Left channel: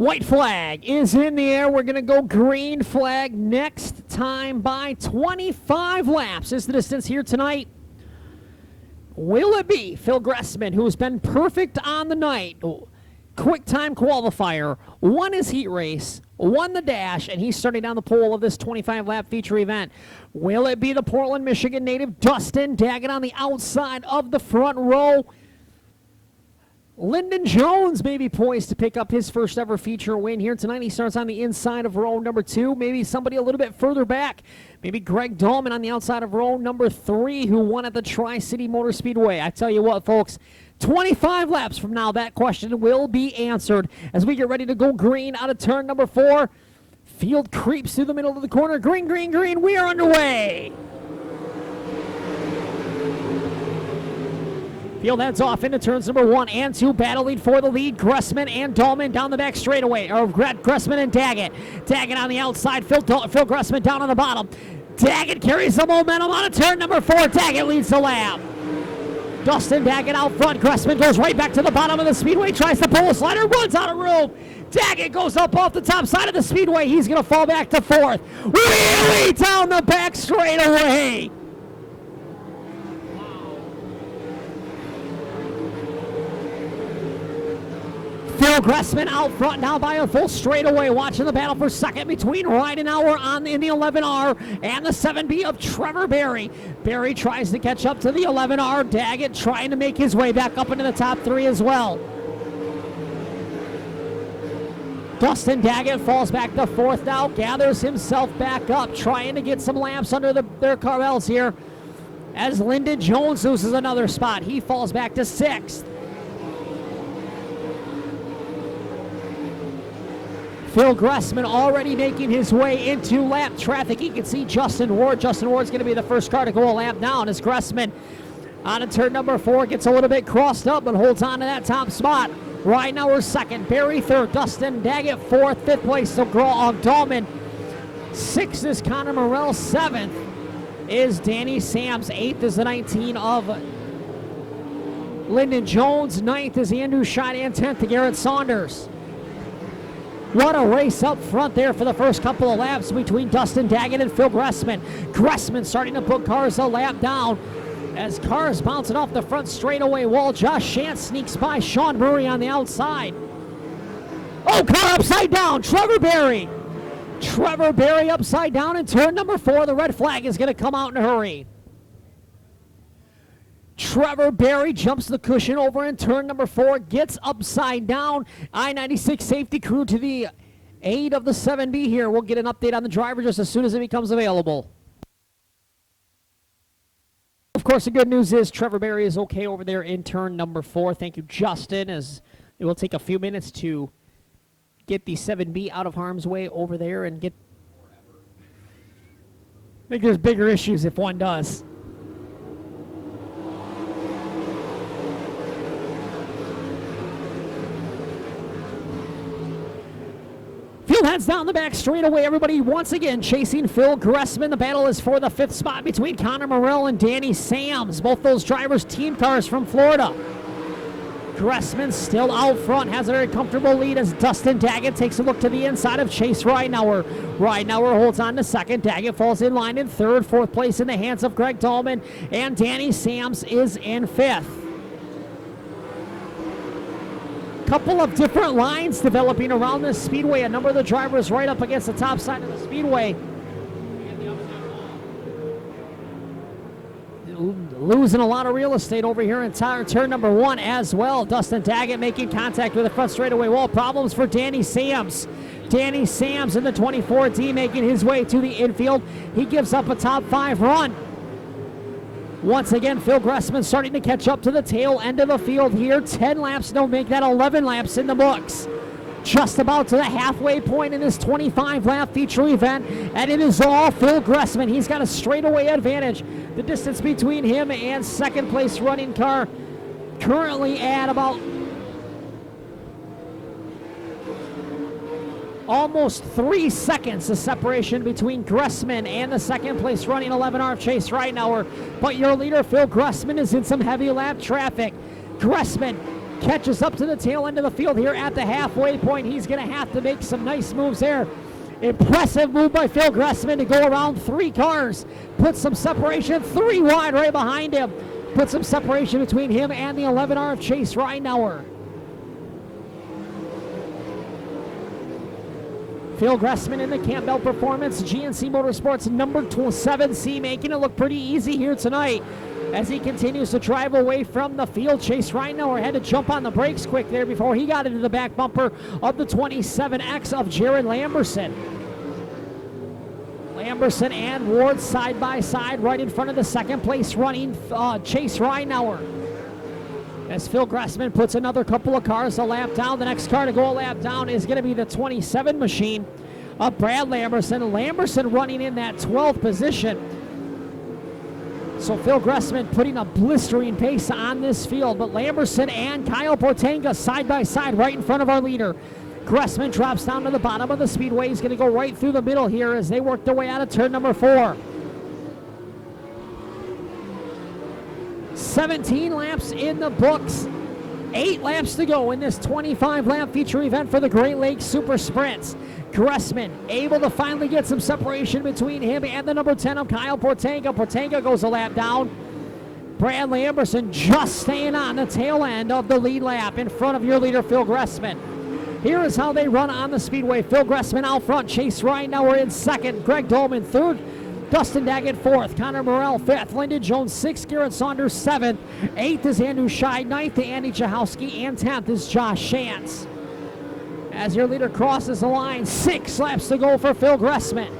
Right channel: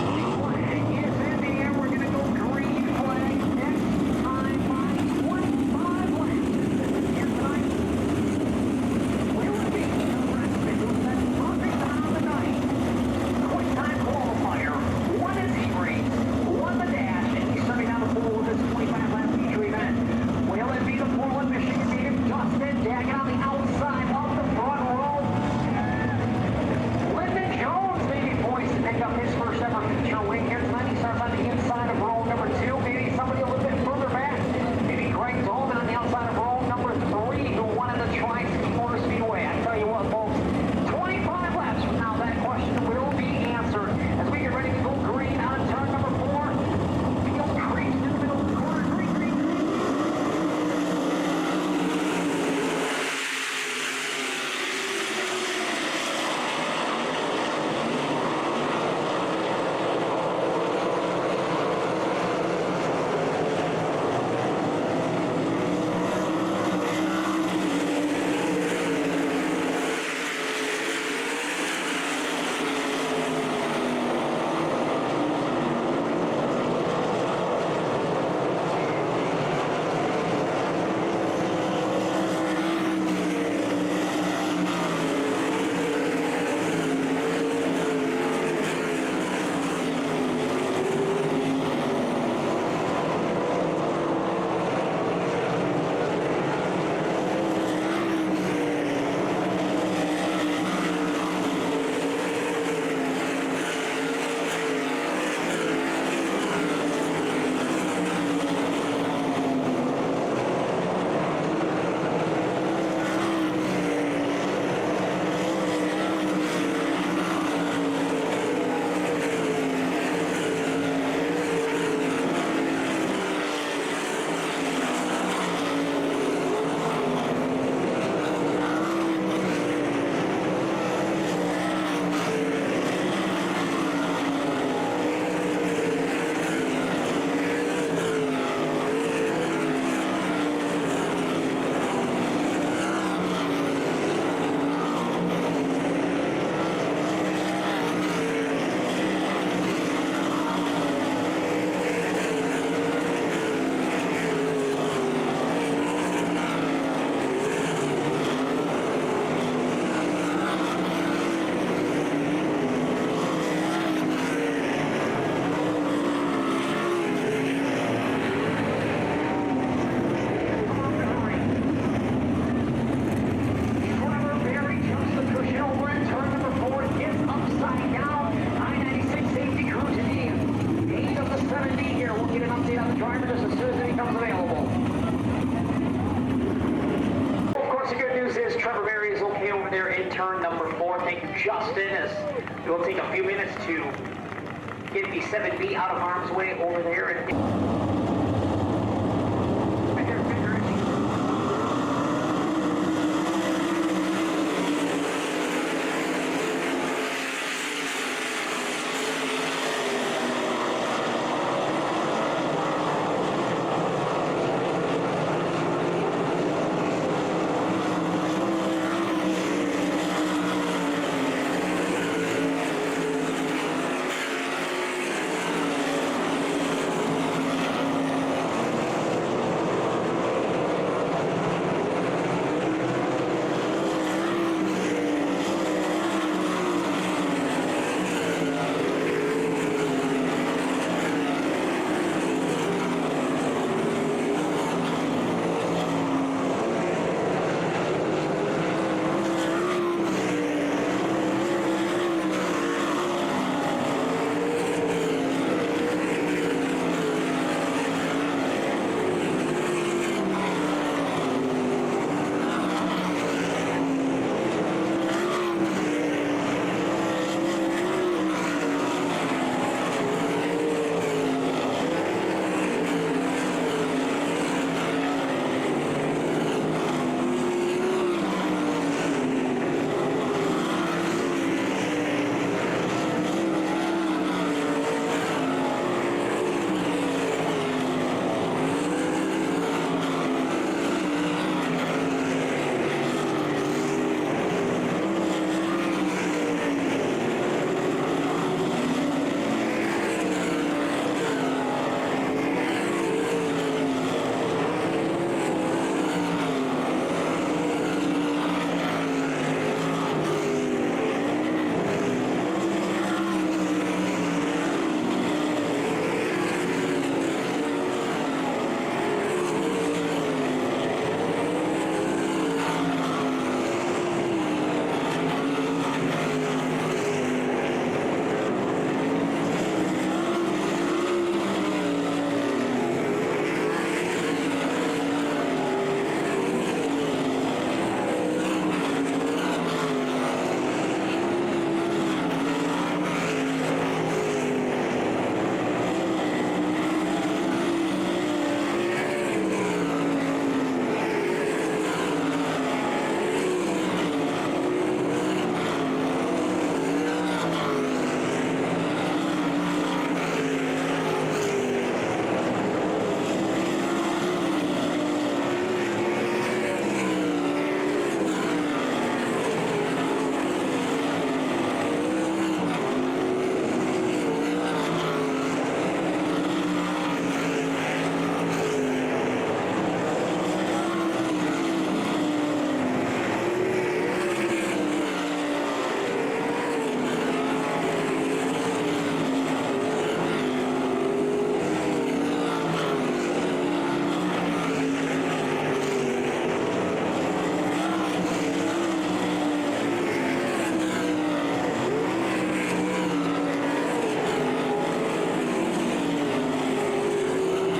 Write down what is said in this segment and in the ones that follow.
White flag is in the air. We're going to go green flag next time by 25 laps is the distance here tonight. Will it be Phil Gressman, who's been perfect on the night? Quick time qualifier, won his heat race, won the dash, and he's starting down the pole of this 25-lap feature event. Will it be the Portland, Michigan native Dustin Daggett on the outside of the front row? Lyndon Jones may be poised to pick up his first ever feature win here tonight. He starts on the inside of row number 2. Maybe somebody a little bit further back. Maybe Greg Dolman on the outside of row number 3, who won at the Tri-City Motor Speedway. I tell you what, folks, 25 laps from now, that question will be answered as we get ready to go green out of turn number 4. Field creeps through the middle of the corner. Green, green, green. We are underway. Field heads off into turns number 1 and 2, battling for the lead. Gressman and Dolman down the back straightaway. Gressman and Daggett. Daggett on the outside. Phil Gressman down on the bottom. Daggett carries the momentum on a turn number 4. Daggett leads the lap. Dustin Daggett out front. Gressman goes right back to the bottom of the speedway. Tries to pull a slider. Runs out of room. Daggett goes up off the top side of the speedway. He's going to fall back to 4th. Really down the back straightaway. Phil Gressman out front now by a full straightaway, watching the battle for second between Ridenauer in the 11R and the 7B of Trevor Berry. Berry tries to catch up to the 11R. Daggett trying to make his way back up into the top 3 as well. Dustin Daggett falls back to 4th now, gathers himself back up, trying to get some laps under their carrels here. As Lyndon Jones loses another spot, he falls back to 6th. Phil Gressman already making his way into lap traffic. You can see Justin Ward. Justin Ward's going to be the first car to go a lap down as Gressman on to turn number 4 gets a little bit crossed up and holds on to that top spot. Ridenauer second, Berry third, Dustin Daggett 4th, 5th place to Dolman. 6th is Connor Morrell, 7th is Danny Sams, 8th is the 19 of Lyndon Jones, 9th is Andrew Schott, and 10th Garrett Saunders. What a race up front there for the first couple of laps between Dustin Daggett and Phil Gressman. Gressman starting to put cars a lap down as cars bouncing off the front straightaway wall. Josh Shant sneaks by Sean Murray on the outside. Oh, car upside down. Trevor Berry upside down in turn number 4. The red flag is going to come out in a hurry. Trevor Berry jumps the cushion over in turn number 4, gets upside down. I-96 safety crew to the aid of the 7B here. We'll get an update on the driver just as soon as it becomes available. Of course, the good news is Trevor Berry is okay over there in turn number 4. Thank you, Justin, as we'll take a few minutes to get the 7B out of harm's way over there. And get... I think there's bigger issues if one does. Heads down the back straightaway. Everybody once again chasing Phil Gressman. The battle is for the 5th spot between Connor Morrell and Danny Sams. Both those drivers team cars from Florida. Gressman still out front, has a very comfortable lead as Dustin Daggett takes a look to the inside of Chase Ridenauer. Ridenauer holds on to 2nd. Daggett falls in line in 3rd. 4th place in the hands of Greg Dolman. And Danny Sams is in 5th. Couple of different lines developing around this speedway. A number of the drivers right up against the top side of the speedway. Losing a lot of real estate over here in turn number 1 as well. Dustin Daggett making contact with the front straightaway wall. Problems for Danny Sams. Danny Sams in the 24D making his way to the infield. He gives up a top 5 run. Once again, Phil Gressman starting to catch up to the tail end of the field here. 10 laps, they'll make that 11 laps in the books. Just about to the halfway point in this 25-lap feature event, and it is all Phil Gressman. He's got a straightaway advantage. The distance between him and 2nd place running car currently at about almost 3 seconds of separation between Gressman and the 2nd place running 11R Chase Ridenauer. But your leader, Phil Gressman, is in some heavy lap traffic. Gressman catches up to the tail end of the field here at the halfway point. He's going to have to make some nice moves there. Impressive move by Phil Gressman to go around 3 cars. Put some separation, 3 wide right behind him. Put some separation between him and the 11R Chase Reinauer. Phil Gressman in the Camp Out Performance GNC Motorsports number 7C, making it look pretty easy here tonight as he continues to drive away from the field. Chase Reinauer had to jump on the brakes quick there before he got into the back bumper of the 27X of Jared Lamberson. Lamberson and Ward side by side right in front of the second place running Chase Reinauer. As Phil Gressman puts another couple of cars a lap down, the next car to go a lap down is going to be the 27 machine of Brad Lamberson. Lamberson running in that 12th position. So Phil Gressman putting a blistering pace on this field, but Lamberson and Kyle Portenga side by side right in front of our leader. Gressman drops down to the bottom of the speedway. He's going to go right through the middle here as they work their way out of turn number 4. 17 laps in the books. 8 laps to go in this 25-lap feature event for the Great Lakes Super Sprints. Gressman able to finally get some separation between him and the number 10 of Kyle Portenga. Portenga goes a lap down. Brad Lamberson just staying on the tail end of the lead lap in front of your leader, Phil Gressman. Here is how they run on the speedway. Phil Gressman out front. Chase Reinauer in second. Greg Dolman third. Dustin Daggett fourth. Connor Morrell fifth. Lyndon Jones sixth. Garrett Saunders seventh. Eighth is Andrew Scheid. Ninth, Andy Chahowski. And 10th is Josh Shantz. As your leader crosses the line, 6 laps to go for Phil Gressman.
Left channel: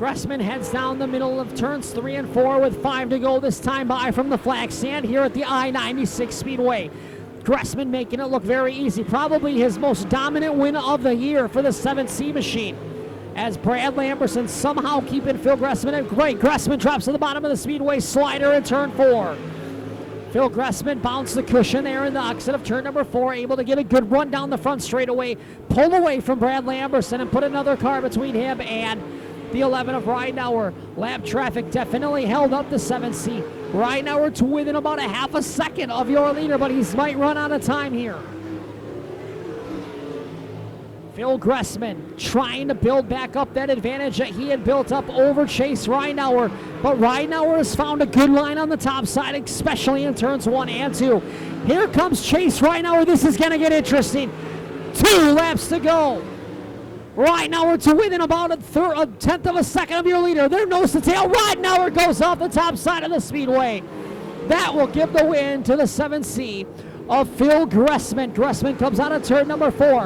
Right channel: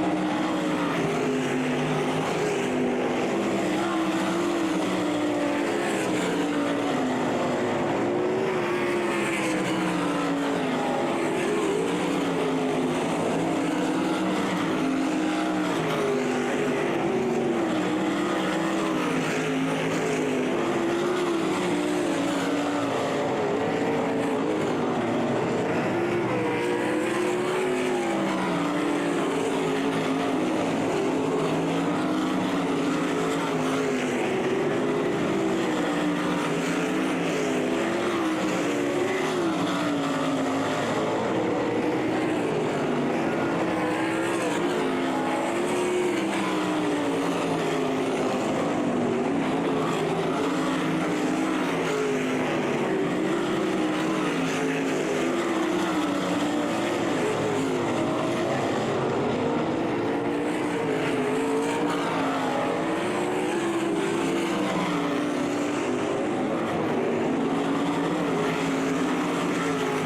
Gressman heads down the middle of turns 3 and 4 with 5 to go this time by from the flag stand here at the I-96 Speedway. Gressman making it look very easy, probably his most dominant win of the year for the 7C machine. As Brad Lamberson somehow keeping Phil Gressman at break. Gressman drops to the bottom of the speedway slider in turn 4. Phil Gressman bounced the cushion there in the exit of turn number 4, able to get a good run down the front straightaway, pull away from Brad Lamberson and put another car between him and the 11 of Reinauer. Lap traffic definitely held up the 7C. Reinauer to within about a half a second of your leader, but he might run out of time here. Phil Gressman trying to build back up that advantage that he had built up over Chase Reinauer. But Reinauer has found a good line on the top side, especially in turns 1 and 2. Here comes Chase Reinauer. This is going to get interesting. 2 laps to go. Reinauer to within about a tenth of a second of your leader. There nose to tail. Reinauer goes off the top side of the speedway. That will give the win to the 7C of Phil Gressman. Gressman comes out of turn number 4.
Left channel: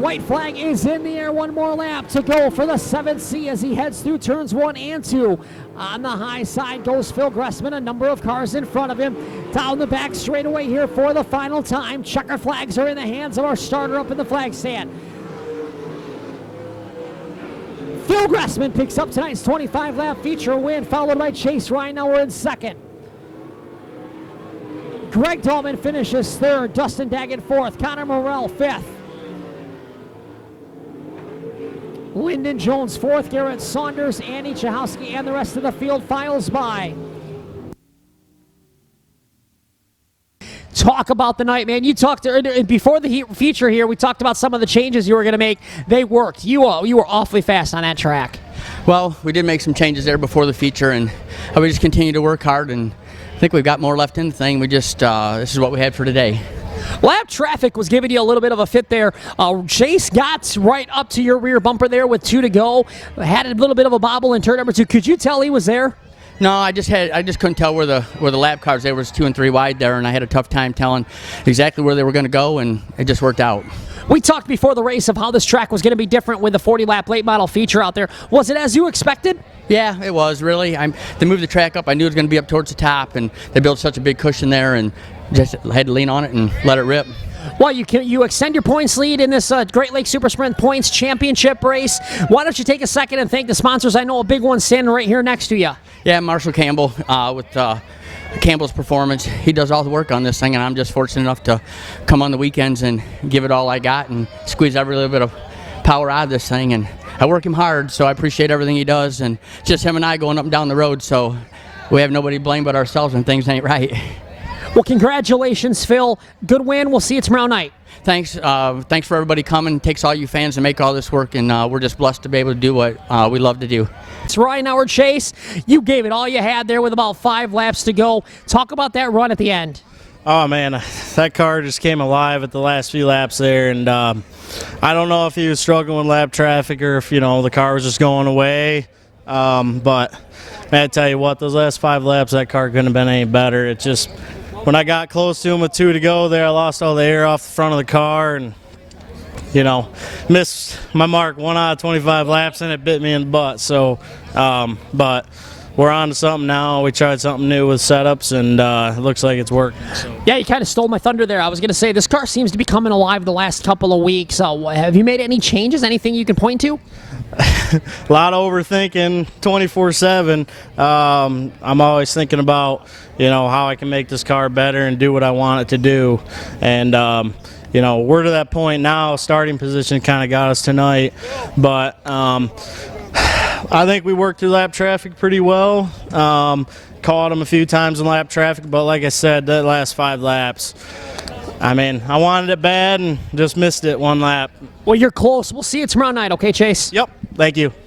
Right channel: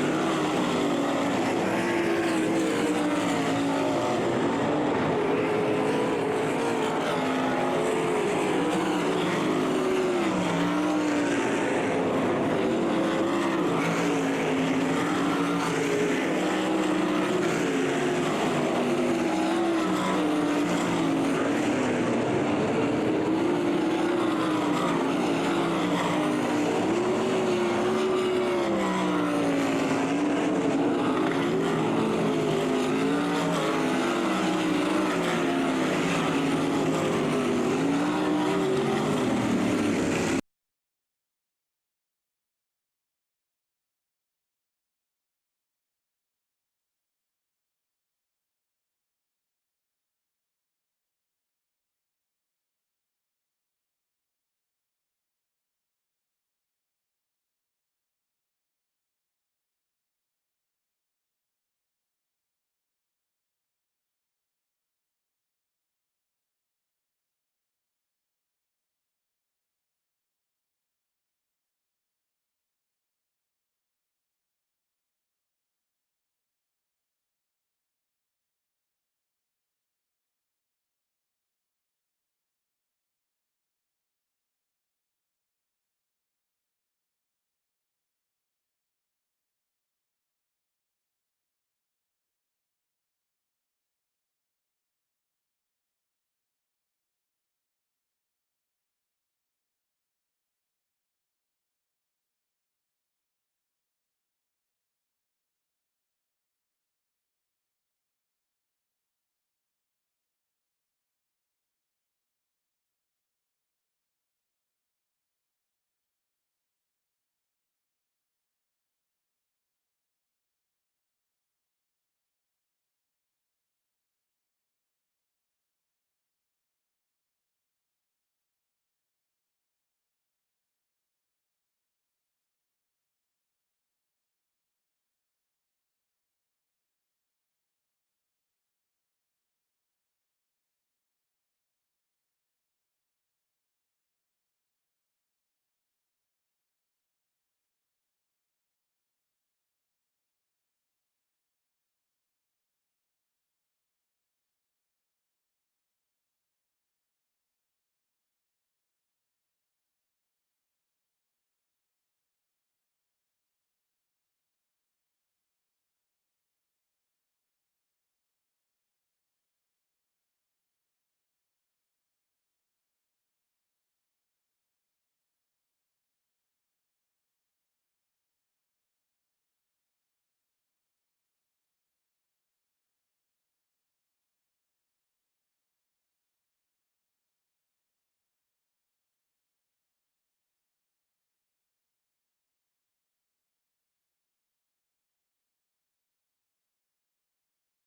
White flag is in the air. 1 more lap to go for the 7C as he heads through turns 1 and 2. On the high side goes Phil Gressman, a number of cars in front of him. Down the back straightaway here for the final time. Checker flags are in the hands of our starter up in the flag stand. Phil Gressman picks up tonight's 25-lap feature win, followed by Chase Reinauer in second. Greg Dolman finishes third. Dustin Daggett fourth. Connor Morrell fifth. Lyndon Jones fourth, Garrett Saunders, Andy Chahowski, and the rest of the field files by. Talk about the night, man. You talked before the feature here. We talked about some of the changes you were going to make. They worked. You were awfully fast on that track. Well, we did make some changes there before the feature, and we just continue to work hard. And I think we've got more left in the thing. We just this is what we had for today. Lap traffic was giving you a little bit of a fit there. Chase got right up to your rear bumper there with 2 to go. Had a little bit of a bobble in turn number 2. Could you tell he was there? No, I just couldn't tell where the lap cars. There was 2 and 3 wide there, and I had a tough time telling exactly where they were going to go, and it just worked out. We talked before the race of how this track was going to be different with the 40-lap late model feature out there. Was it as you expected? Yeah, it was really. They moved the track up. I knew it was going to be up towards the top, and they built such a big cushion there, and just had to lean on it and let it rip. Well, you extend your points lead in this Great Lakes Super Sprint Points Championship race. Why don't you take a second and thank the sponsors? I know a big one standing right here next to you. Yeah, Marshall Campbell with Campbell's Performance. He does all the work on this thing, and I'm just fortunate enough to come on the weekends and give it all I got and squeeze every little bit of power out of this thing. And I work him hard, so I appreciate everything he does. And just him and I going up and down the road, so we have nobody to blame but ourselves when things ain't right. Well, congratulations, Phil. Good win. We'll see you tomorrow night. Thanks for everybody coming. It takes all you fans to make all this work, and we're just blessed to be able to do what we love to do. It's Ryan Howard Chase. You gave it all you had there with about 5 laps to go. Talk about that run at the end. Oh, man, that car just came alive at the last few laps there, and I don't know if he was struggling with lap traffic or if, the car was just going away. But, man, I tell you what, those last 5 laps, that car couldn't have been any better. It just, when I got close to him with 2 to go there, I lost all the air off the front of the car and, missed my mark 1 out of 25 laps, and it bit me in the butt. So, but we're on to something now. We tried something new with setups, and it looks like it's working. So. Yeah, you kind of stole my thunder there. I was going to say, this car seems to be coming alive the last couple of weeks. Have you made any changes? Anything you can point to? A lot of overthinking 24/7. I'm always thinking about, how I can make this car better and do what I want it to do. And, we're to that point now. Starting position kind of got us tonight. But I think we worked through lap traffic pretty well. Caught him a few times in lap traffic. But like I said, that last 5 laps, I wanted it bad and just missed it 1 lap. Well, you're close. We'll see you tomorrow night, okay, Chase? Yep. Thank you.